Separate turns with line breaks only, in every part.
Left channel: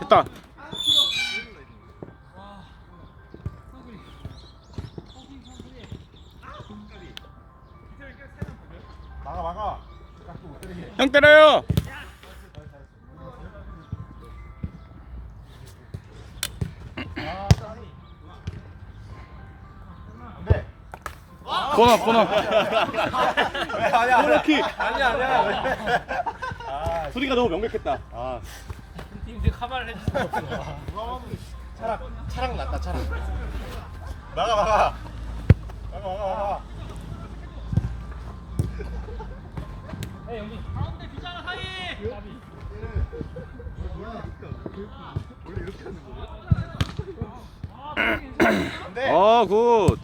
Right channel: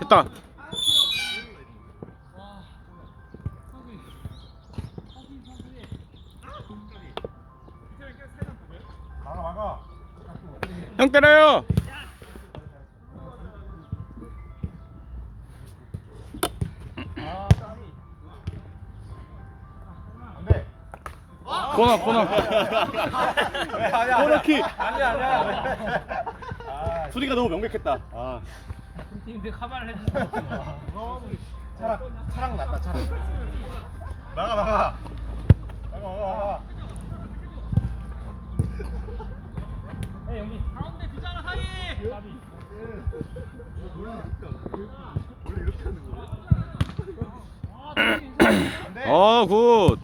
됐다. 형 때려요.
안돼.
코너 코너.
왜 아니야?
코너킥.
아니야 아니야.
소리가 너무 명백했다. 아.
팀들 카바를 해주세요.
차랑 차랑 낫다 차랑. 막아 막아. 막아 막아.
네, 여기 가운데 비자가 사이. 나비.
안돼.
어 굿.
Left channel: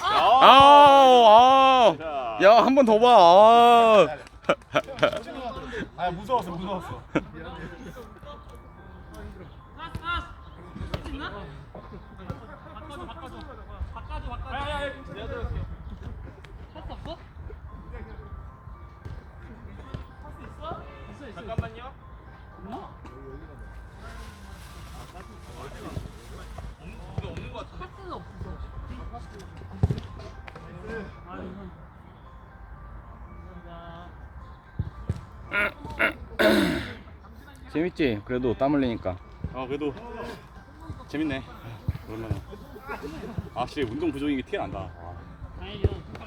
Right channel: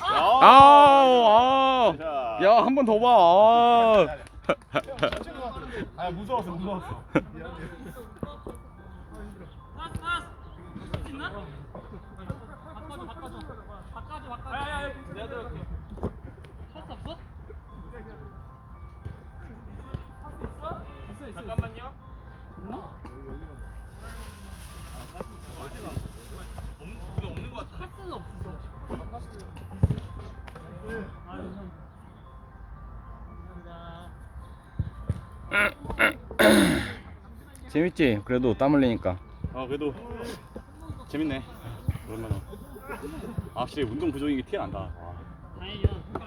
아, 아. 야, 한 번 더 봐. 아.
아 무서웠어 무서웠어.
바꿔줘, 바꿔줘. 바꿔줘, 바꿔줘. 야, 야, 야. 내가 들어갈게.
재밌지? 그래도 땀 흘리니까. 아, 그래도 재밌네. 오랜만에. 아, 확실히 운동 부족인 게 티가 난다. 와.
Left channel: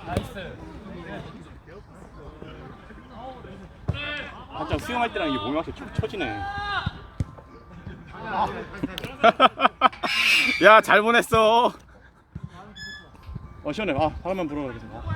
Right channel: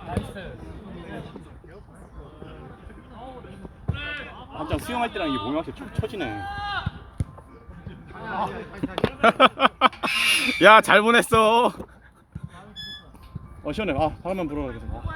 나이스.
한창 수영할 때랑 이게 몸이 확실히 쳐- 처지네. 야, 잘 보냈어. 어, 시원해. 아, 바람만 불어. 그래서.
물고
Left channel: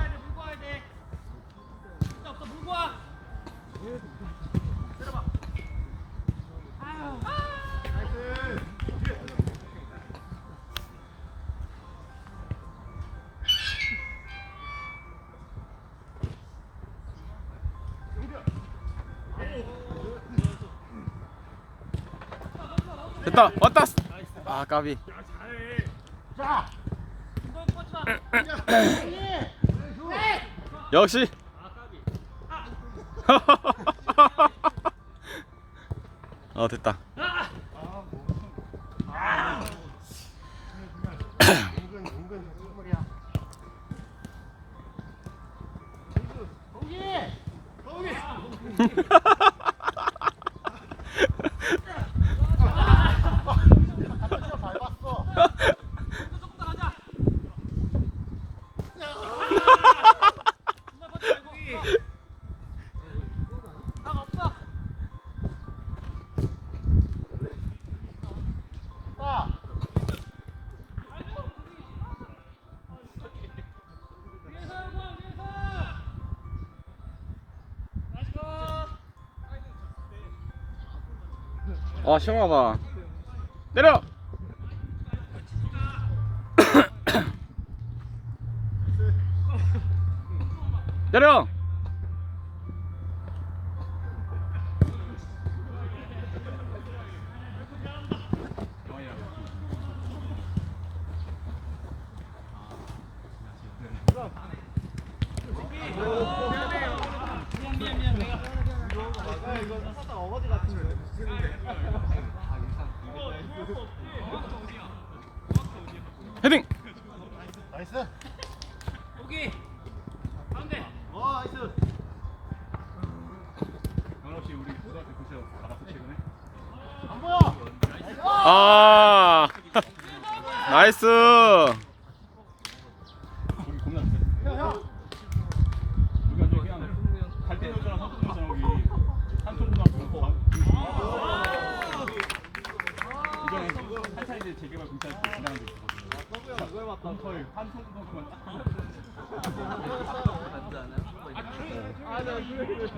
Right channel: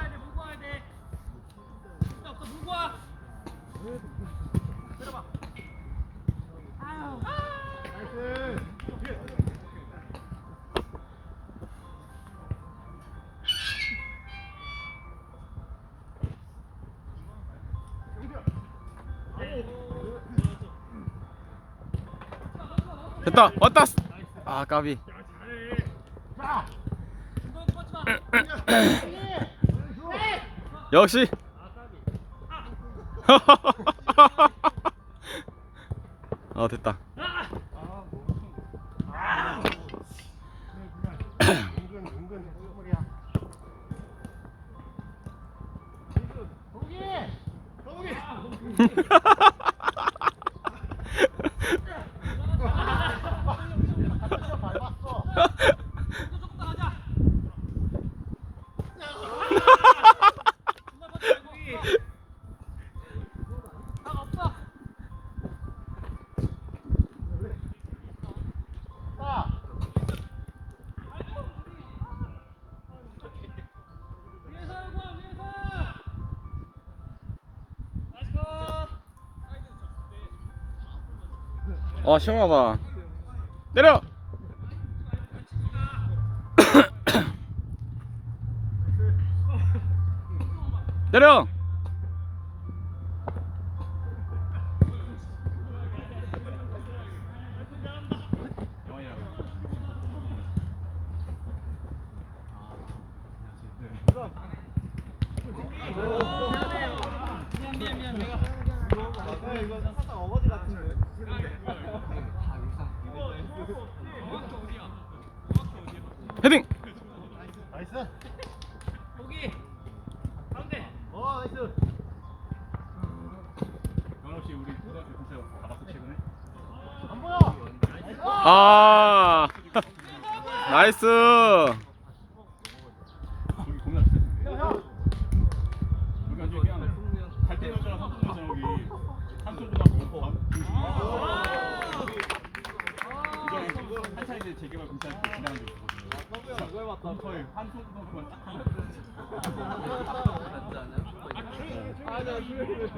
됐다. 왔다. 아, 까비. 역시. 어, 됐다.
은근 은근 선물이야.
어.
시원하다. 때려.
미안.
헤딩.
나이스.
여기
와 나이스.
혹
아.
여기 여기.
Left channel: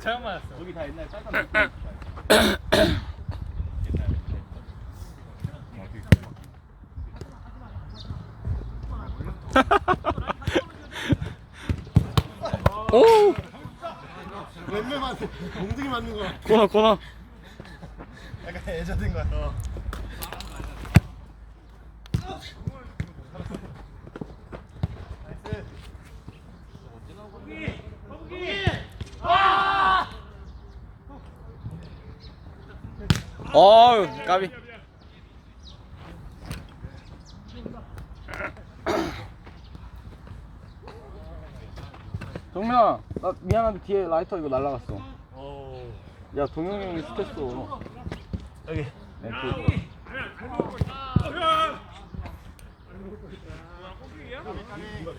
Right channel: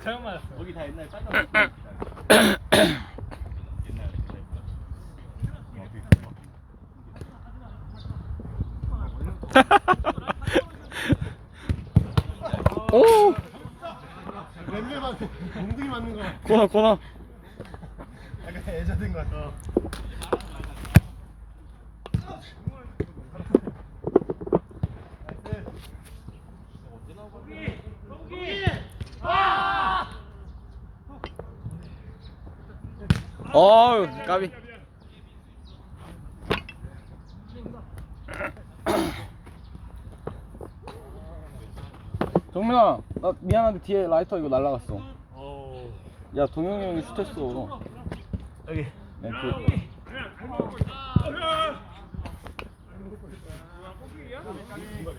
잘못 맞았어.
거기 다 옛날 짤방 옛날
오.
왼매만 몽둥이 맞는 거.
코너 코너.
약간 애자된 거 같아. 나이스.
어우 까비 정민아 나 미안한데 뒤에 라이터 이거 날라갔어 야 동영이 형이 시켰어
여기.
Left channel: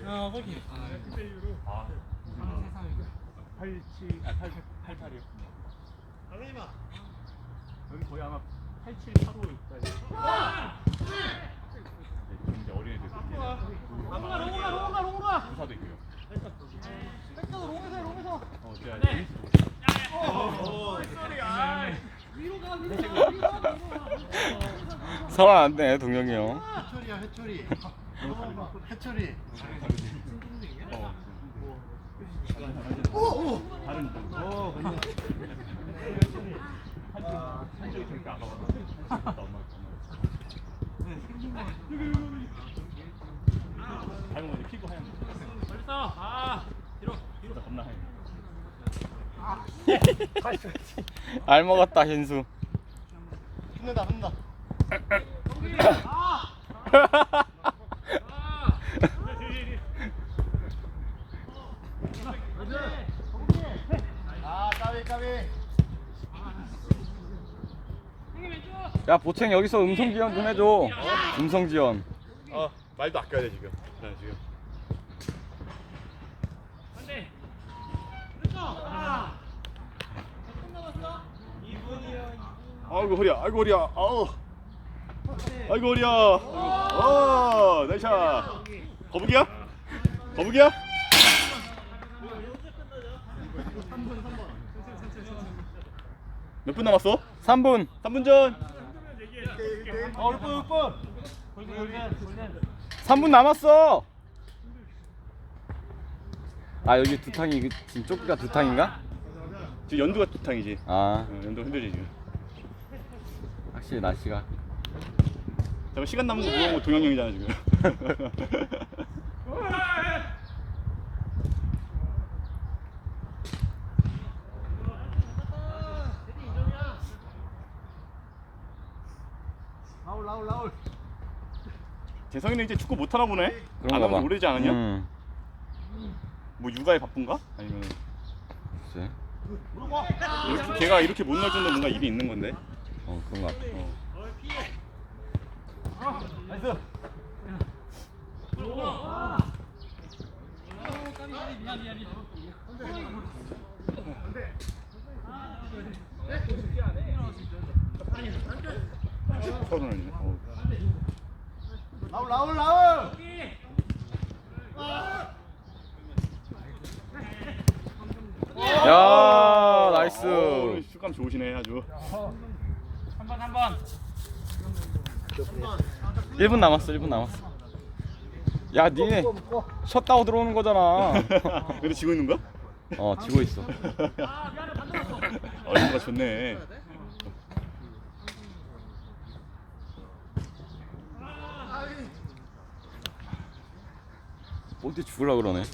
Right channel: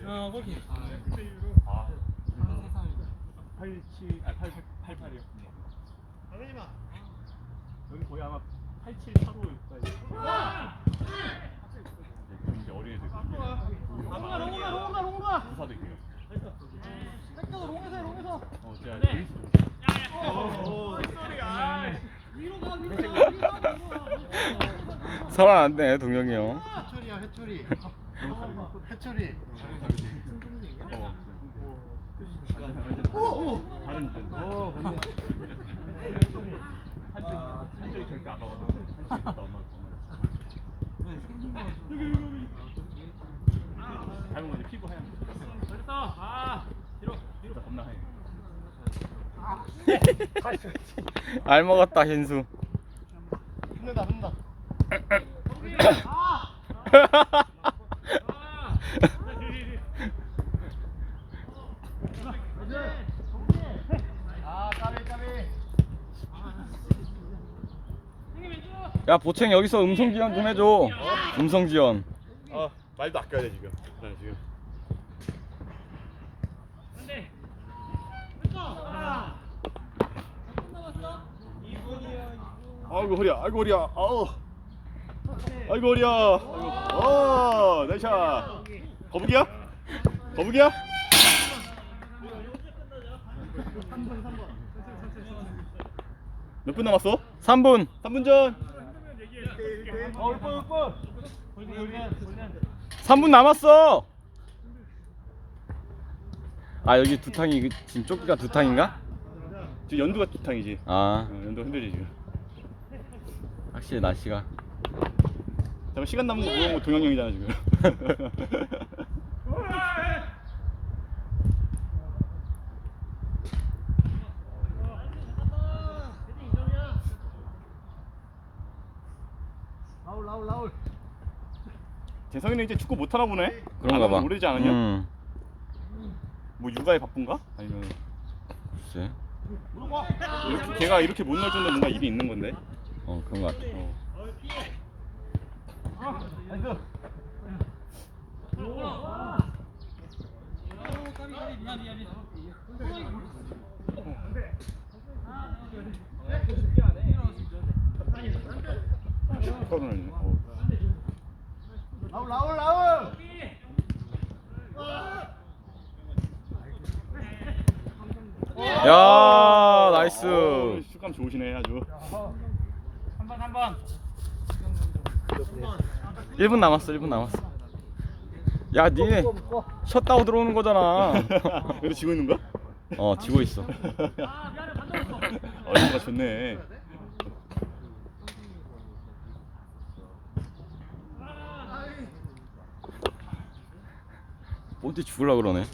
어 거기
87, 아 88, 88이었군요.
당연히 마.
여기 거의 아마 87, 85까지. 이제 어린애들.
롱가 롱가 롱가 롱가
부사도 있고요.
백도 롱에서 롱에서
어, 제가 제이스도
위로 가 위로 가
설안 안돼 동영이 형
해초리야 해초리. 해초리.
어. 다른 분.
어 맞네.
한쪽 한쪽이 절대 안. 엄마 엄마. 닮은 건데 피고 하얀 거.
잘했어 아 뒤로
진짜 겁나 하얀 거.
알 먹었다 현수
붙는다 붙는다. 아 까비 까비.
야 보챙 여기서 음성 지원 좀 해줘 음성 지원
어 말도 아껴야 돼 지금. 네, 지금.
안돼 됐어 아
아이고 허리야, 아이고 허리야, 아우. 아이고 허리야. 어, 나이샤. 거북이야? 거북이야?
3번 3번.
몇분 남았어?
3분
3분 전.
어 6분 6분.
3분 남았어 아 여기 두 탕이 그- 지금 조끼가 두 탕인가?
지금 연두가 두 탕이지.
아
어, 연두 흔들리지 지금.
확실히 날씨가
잠깐 시간 남는 거 동영형이잖아 지금.
라울 라울 라울.
재성이는 이제 축구 못하나 보네?
그런가 봐.
오래지 않았냐?
음.
뭐 육아에 바쁜가? 아니면
글쎄.
이렇게, 걔가 이렇게 못 날주는 뭔가 일이 있는 건데?
어 그런 거 같아.
어.
아, 나이스.
안돼. 10번은
나올 나올 나올
야 나이스.
어, 슛감 좋으시네 아주.
한 번 한번.
1분 남았어 1분 남았어. 야 니네 셧다운 들어오는 거잖아.
그래 지고 있는 거야?
어 지고 있어.
아, 어
이거 좋네.
어디 죽을라 그러네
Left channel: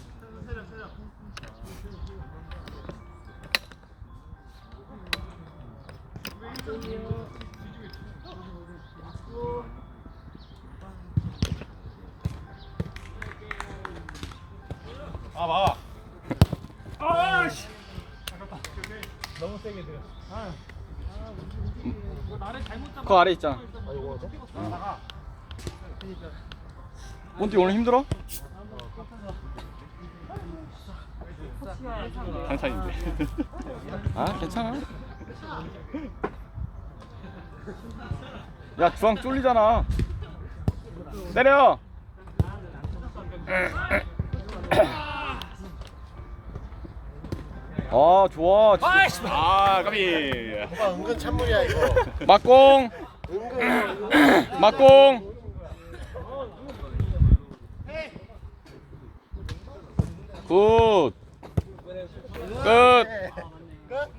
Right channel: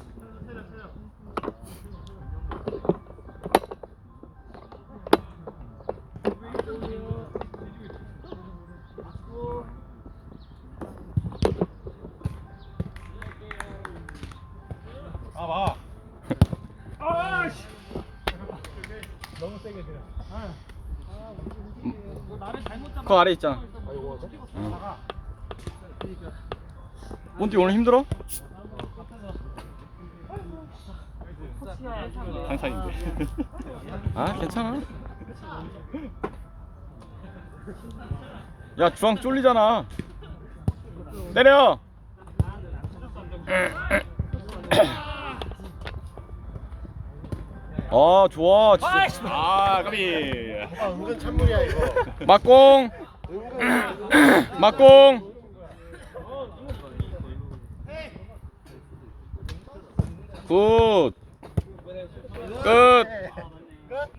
아 봐.
그 아래 있잖아
아이고 저.
어. 본디 오늘 힘들어?
한산인데.
아 괜찮아 야 주황 쫄리잖아 내려 아 좋아 진짜
아, 까비.
아 은근 찬물이야 이거.
막공. 막공 굿 เกิด